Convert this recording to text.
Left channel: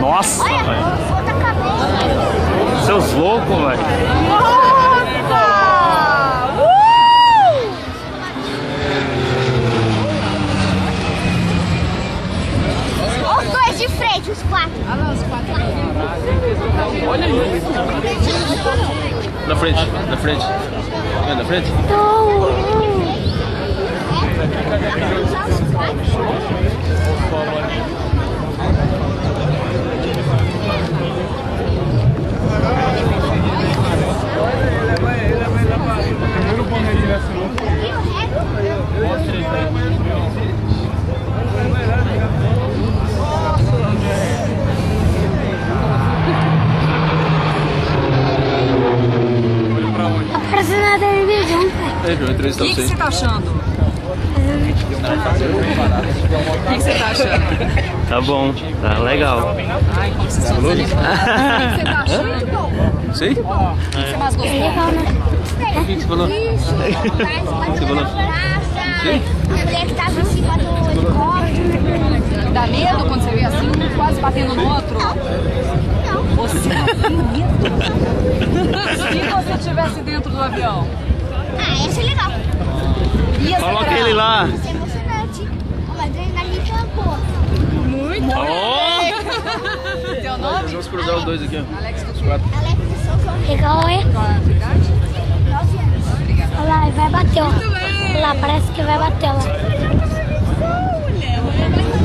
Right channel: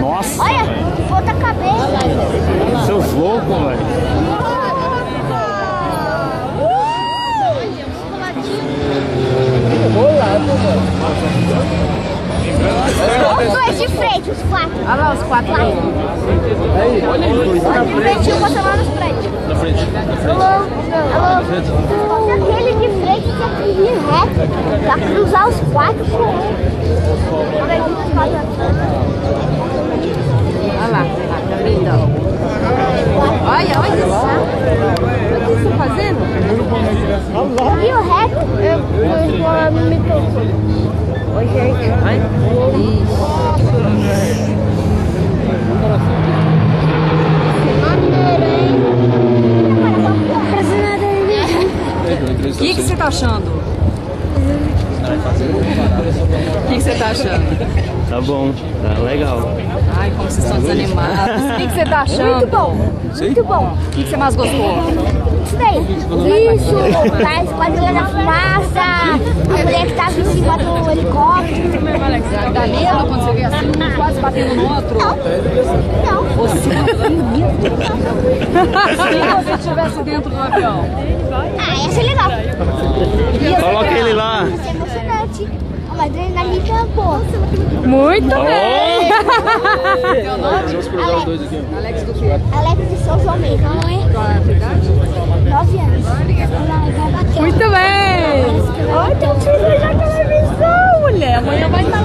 Nossa, olha, velho. outra cabeça. Seus loucos, velho. Os dois de frente, os quatro. Olha lá os quatro. Olha aí. Na frente, na frente. Na frente. Aquele de frente, pra cruzar os quatro. Olha lá, lindo. Olha, olha. O que você tá fazendo? Aqui o reto, me pergunto. O que você tá achando? O que você tá achando? Tá bom, tá legal. Ai, como vocês estão desanimados. O que você tá achando? Muito bom. Sim? Muito bom. O que você mais gostou? Isso, tá esquadrilha da fumaça, a mulher que tava em cima do helicóptero. Dá medo quando você vê assim, um quase batendo no outro? Não. Você se você estivesse dentro do avião? Ah, ia ser legal. Coloca ele lá. Ia ser emocionante. Uma adrenalina boa. Muito bem! Teu nome? Vamos cruzar os dois aqui, ó. Alex do quê? Alex de São João Legal, é? Qual é a tua idade? 9 anos. Olha lá, vai bater. Muito bem! Olha lá, parece que vai bater. Mulher, amanhã vai estar